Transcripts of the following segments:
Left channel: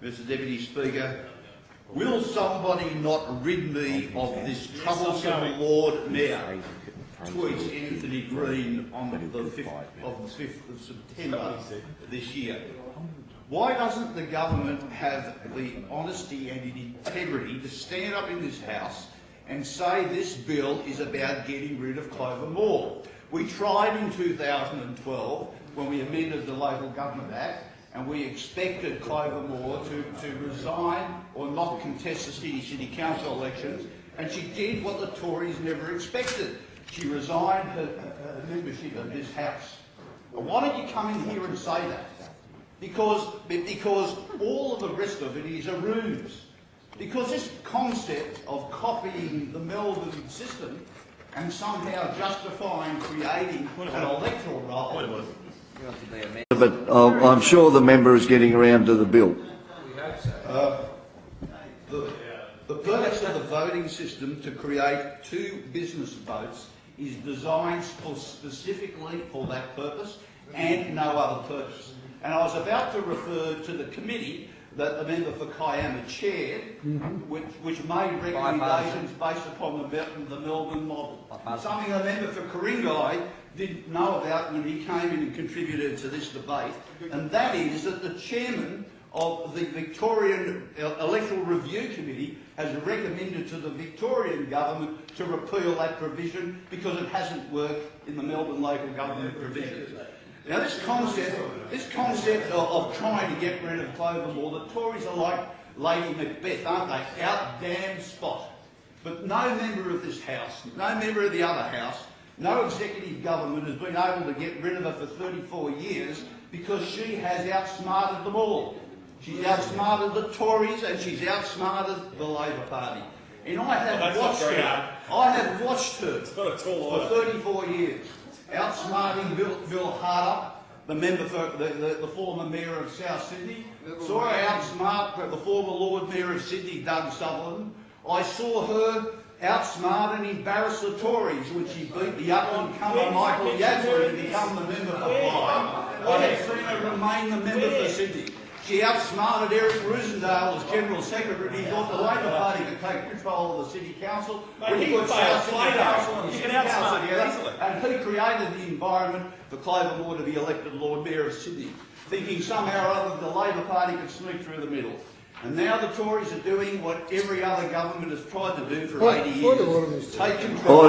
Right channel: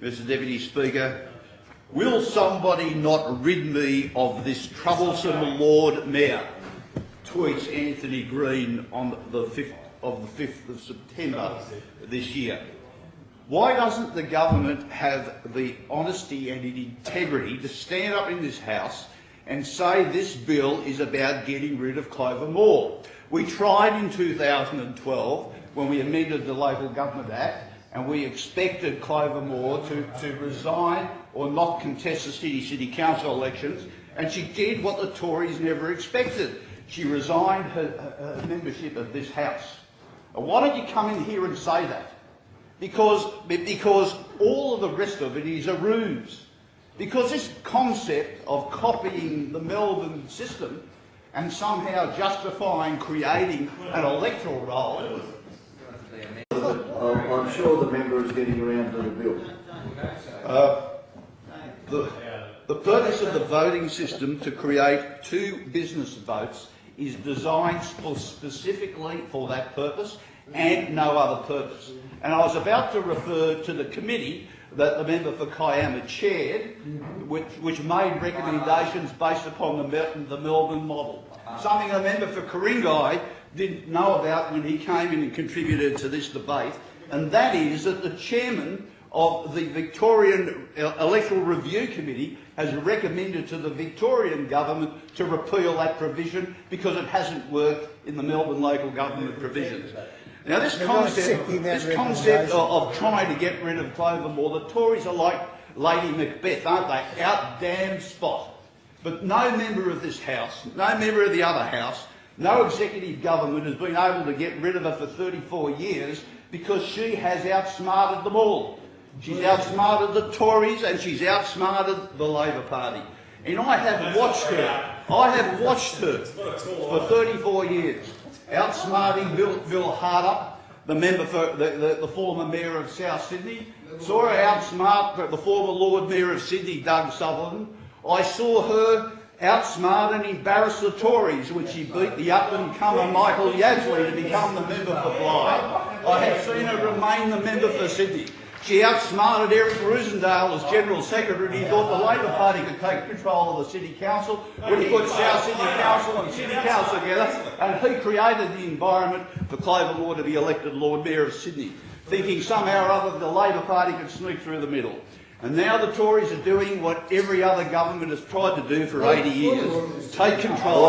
Mr Deputy Speaker, will somebody not rid me of this troublesome Lord Mayor? Tweets Anthony Green on the 5th of September this year. Why doesn't the government have the honesty and integrity to stand up in this House and say this bill is about getting rid of Clover Moore? We tried in 2012 when we amended the Local Government Act, and we expected Clover Moore to resign or not contest the city council elections, and she did what the Tories never expected. She resigned her membership of this House. Now, why don't you come in here and say that? Because all of the rest of it is a ruse. Because this concept of copying the Melbourne system and somehow justifying creating an electoral roll. But I'm sure the member is getting around to the bill. The purpose of the voting system to create two business votes is designed specifically for that purpose and no other purpose. And I was about to refer to the committee that the member for Kiama chaired, which made recommendations based upon the Melbourne model. Something the member for Ku-ring-gai didn't know about when he came in and contributed to this debate, and that is that the chairman of the Victorian Electoral Review Committee has recommended to the Victorian government to repeal that provision because it hasn't worked in the Melbourne local government provisions. Now, this concept of trying to get rid of Clover Moore, the Tories are like Lady Macbeth, aren't they? Out damn spot. But no member of this House, no member of the other House, no executive government has been able to get rid of her for 34 years because she has outsmarted them all. She's outsmarted the Tories and she's outsmarted the Labor Party. And I have watched her for 34 years, outsmarting Bill Harder, the member for the former Mayor of South Sydney. Saw her outsmart the former Lord Mayor of Sydney, Doug Sutherland. I saw her outsmart and embarrass the Tories when she beat the up-and-comer Michael Yadsley to become the member for Blythe. I have seen her remain the member for Sydney. She outsmarted Eric Rusendale as General Secretary. He thought the Labor Party could take control of the City Council when he put South Sydney Council and City Council together, and he created the environment for Clover Moore to be elected Lord Mayor of Sydney, thinking somehow or other the Labor Party could sneak through the middle. And now the Tories are doing what every other government has tried to do for 80 years, take control.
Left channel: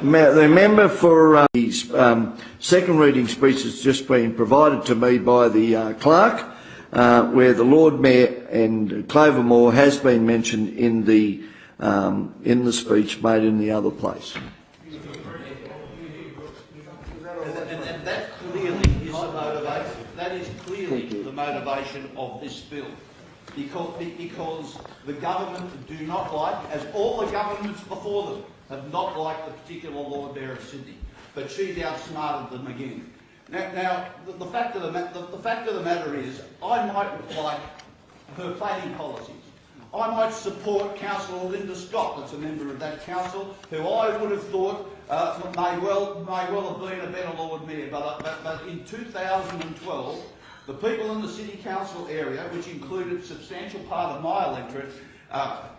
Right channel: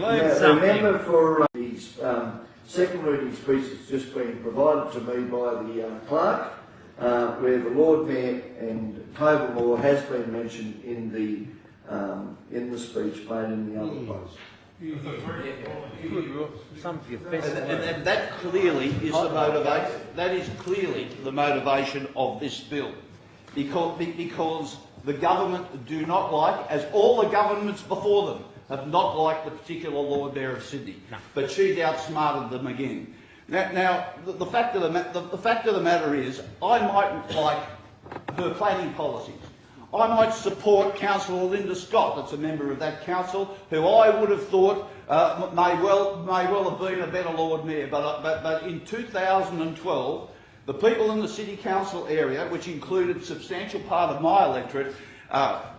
The member for his second reading speech has just been provided to me by the clerk, where the Lord Mayor and Clover Moore has been mentioned in the speech made in the other place. And that clearly is the motivation. That is clearly the motivation of this bill. Because the government do not like, as all the governments before them have not liked the particular Lord Mayor of Sydney, but she's outsmarted them again. Now the fact of the matter is, I might like her planning policies. I might support Councillor Linda Scott, that's a member of that council, who I would have thought may well have been a better Lord Mayor. But in 2012. The people in the City Council area, which included a substantial part of my electorate,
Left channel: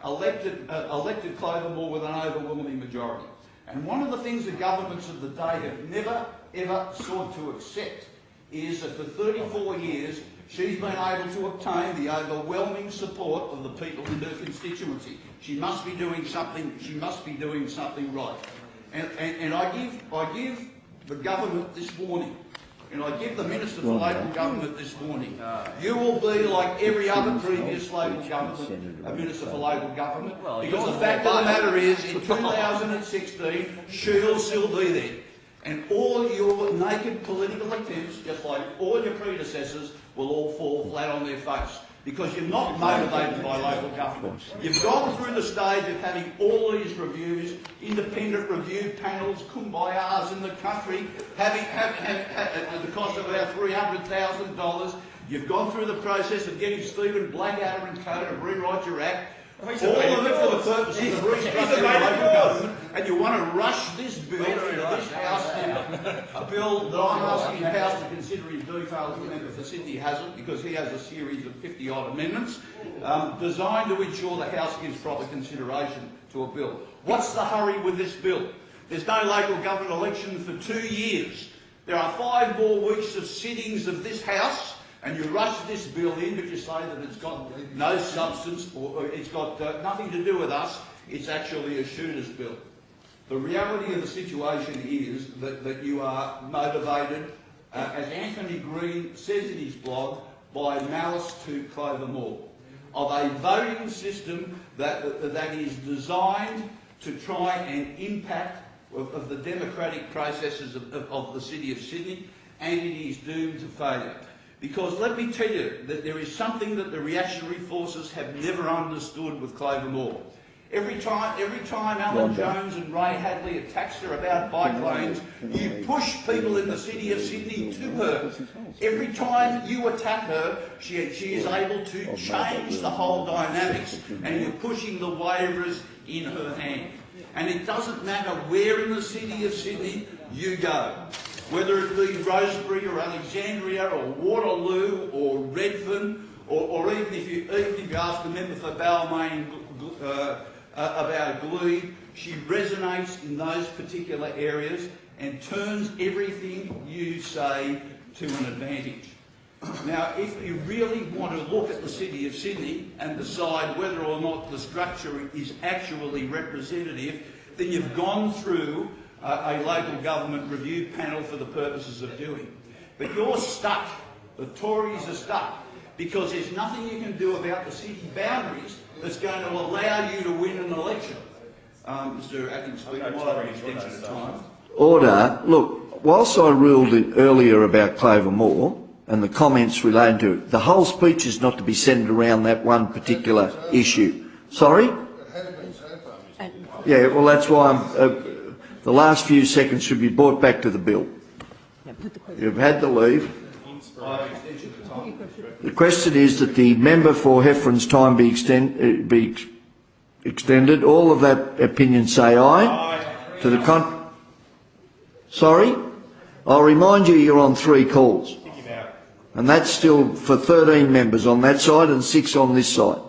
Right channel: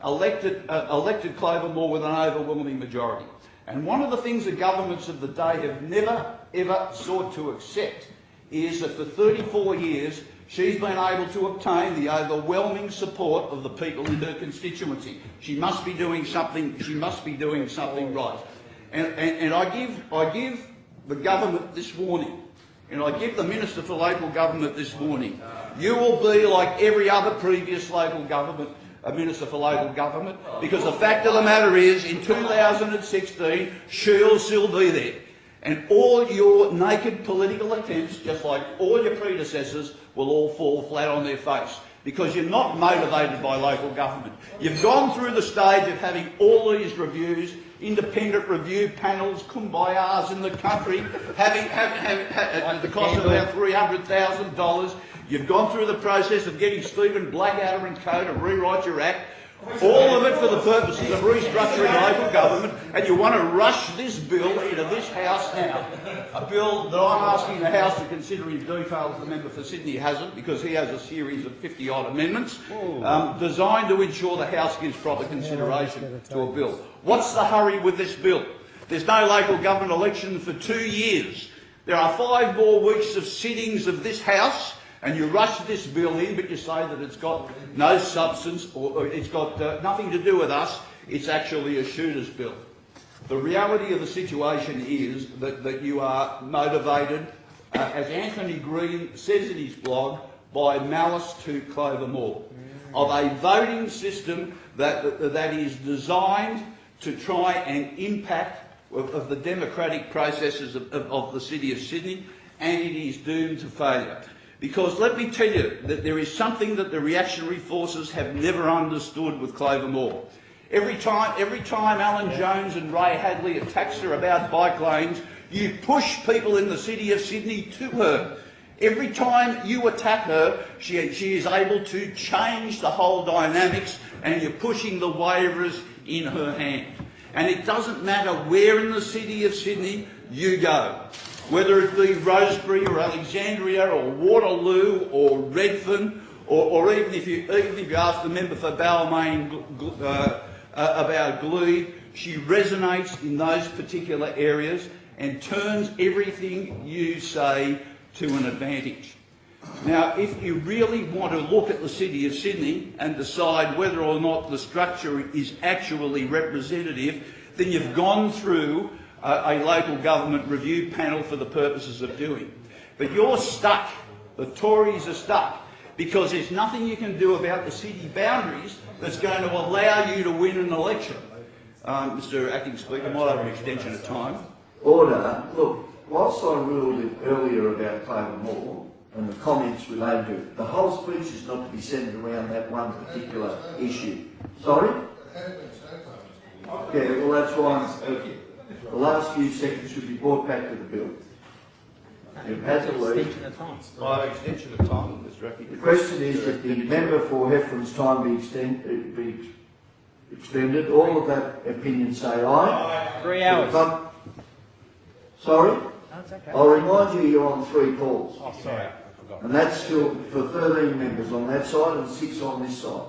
elected Clover Moore with an overwhelming majority. And one of the things the governments of the day have never, ever sought to accept is that for 34 years she's been able to obtain the overwhelming support of the people in her constituency. She must be doing something. She must be doing something right. And I give the government this warning. And I give the Minister for Local Government this warning. You will be like every other previous local government, a Minister for Local Government, because the fact of the matter is, in 2016, she'll still be there. And all your naked political attempts, just like all your predecessors, will all fall flat on their face. Because you're not motivated by local government. You've gone through the stage of having all these reviews, independent review panels, kumbayas in the country, having at the cost of about $300,000. You've gone through the process of getting Stephen Blackadder and co to rewrite your act. All of it for the purposes of restructuring local government, and you want to rush this bill into this House now. A bill that I'm asking the House to consider in detail, as the member for Sydney hasn't, because he has a series of 50-odd amendments designed to ensure the House gives proper consideration to a bill. What's the hurry with this bill? There's no local government election for 2 years. There are 5 more weeks of sittings of this House, and you rush this bill in, but you say that it's got no substance or it's got nothing to do with us. It's actually a shooter's bill. The reality of the situation is that you are motivated, as Anthony Green says in his blog, by malice to Clover Moore, of a voting system that is designed to try and impact of the democratic processes of the City of Sydney, and it is doomed to failure. Because let me tell you that there is something that the reactionary forces have never understood with Clover Moore. Every time Alan Jones and Ray Hadley attacks her about bike lanes, you push people in the City of Sydney to her. Every time you attack her, she is able to change the whole dynamics, and you're pushing the waivers in her hand. And it doesn't matter where in the City of Sydney you go, whether it be Rosebery or Alexandria or Waterloo or Redfern, or even if you ask the member for Balmain about Glebe, she resonates in those particular areas and turns everything you say to an advantage. Now, if you really want to look at the City of Sydney and decide whether or not the structure is actually representative, then you've gone through a local government review panel for the purposes of doing. But you're stuck. The Tories are stuck because there's nothing you can do about the city boundaries that's going to allow you to win an election. Mr Acting Speaker, might have an extension of time. Order. Look, whilst I ruled it earlier about Clover Moore and the comments relating to it, the whole speech is not to be centred around that one particular issue. Sorry? Yeah, well, that's why the last few seconds should be brought back to the bill. You've had to leave. The question is that the member for Heffron's time be extended. All of that opinion say aye. Sorry? I'll remind you you're on 3 calls. And that's still for 13 members on that side and 6 on this side.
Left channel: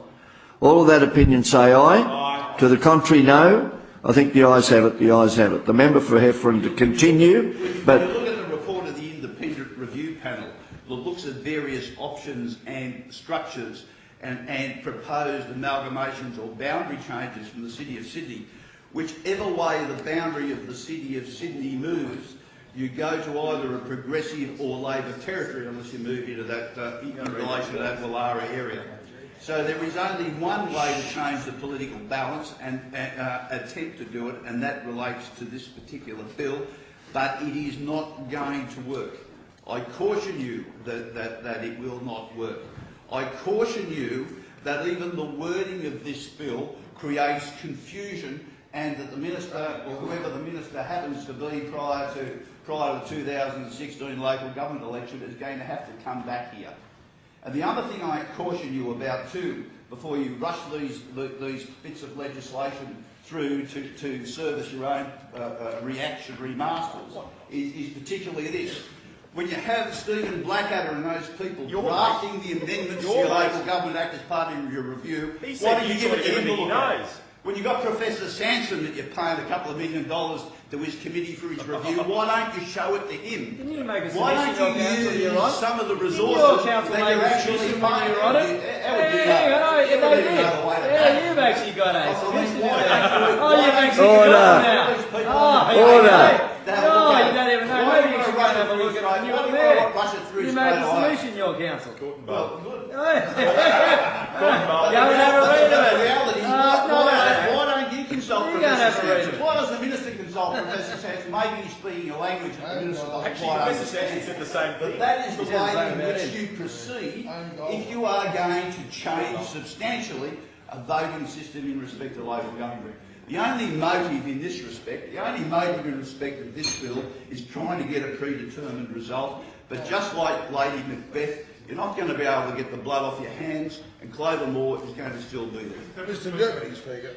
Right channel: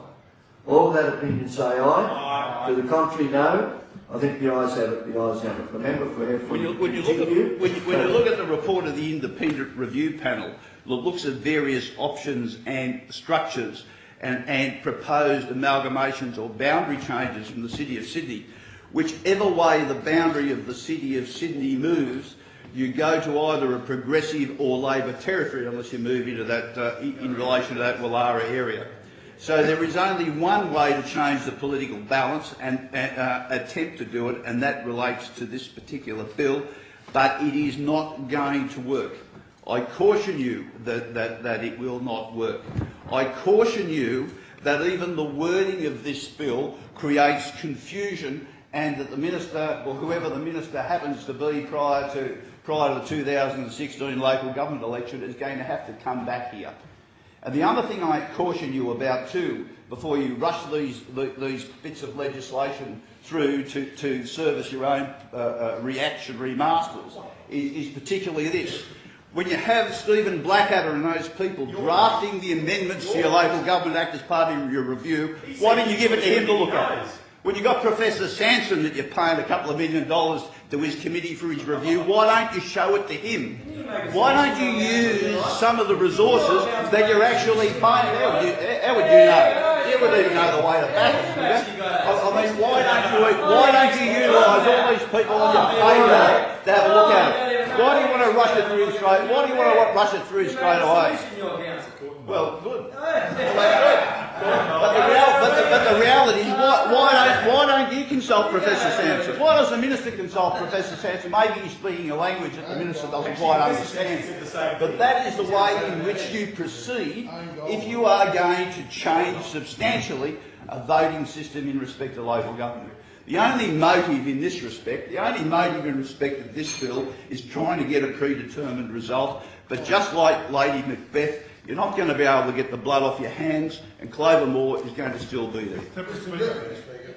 All of that opinion say aye. To the contrary, no. I think the ayes have it. The ayes have it. The member for Heffron to continue. When you look at the report of the independent review panel that looks at various options and structures and proposed amalgamations or boundary changes from the City of Sydney, whichever way the boundary of the City of Sydney moves, you go to either a progressive or Labor territory unless you move into that in relation to that Wallara area. So there is only one way to change the political balance and attempt to do it, and that relates to this particular bill, but it is not going to work. I caution you that it will not work. I caution you that even the wording of this bill creates confusion, and that the minister, or whoever the minister happens to be prior to the 2016 local government election, is going to have to come back here. And the other thing I caution you about too, before you rush these bits of legislation through to service your own reactionary masters, is particularly this. When you have Stephen Blackadder and those people drafting the amendments to your Local Government Act as part of your review, why don't you give it to him to look at? When you've got Professor Sanson that you're paying $2 million to his committee for his review, why don't you show it to him? Why don't you use some of the resources that you're actually paying? How would you know? You wouldn't even know the way to that. I mean, why don't you use all these people on your payroll to have a look at it? Why do you want to rush it through straight? Why do you want to rush it through straight away? Solution, your council. Well, good. But the reality is, why don't you consult Professor Sanson? Why does the minister consult Professor Sanson? Maybe he's speaking a language that the minister doesn't quite understand. But that is the way in which you proceed if you are going to change substantially a voting system in respect to local government. The only motive in this respect, the only motive in respect of this bill is trying to get a predetermined result. But just like Lady Macbeth, You're not going to be able to get the blood off your hands, and Clover Moore is going to still be there. Mr. Deputy Speaker.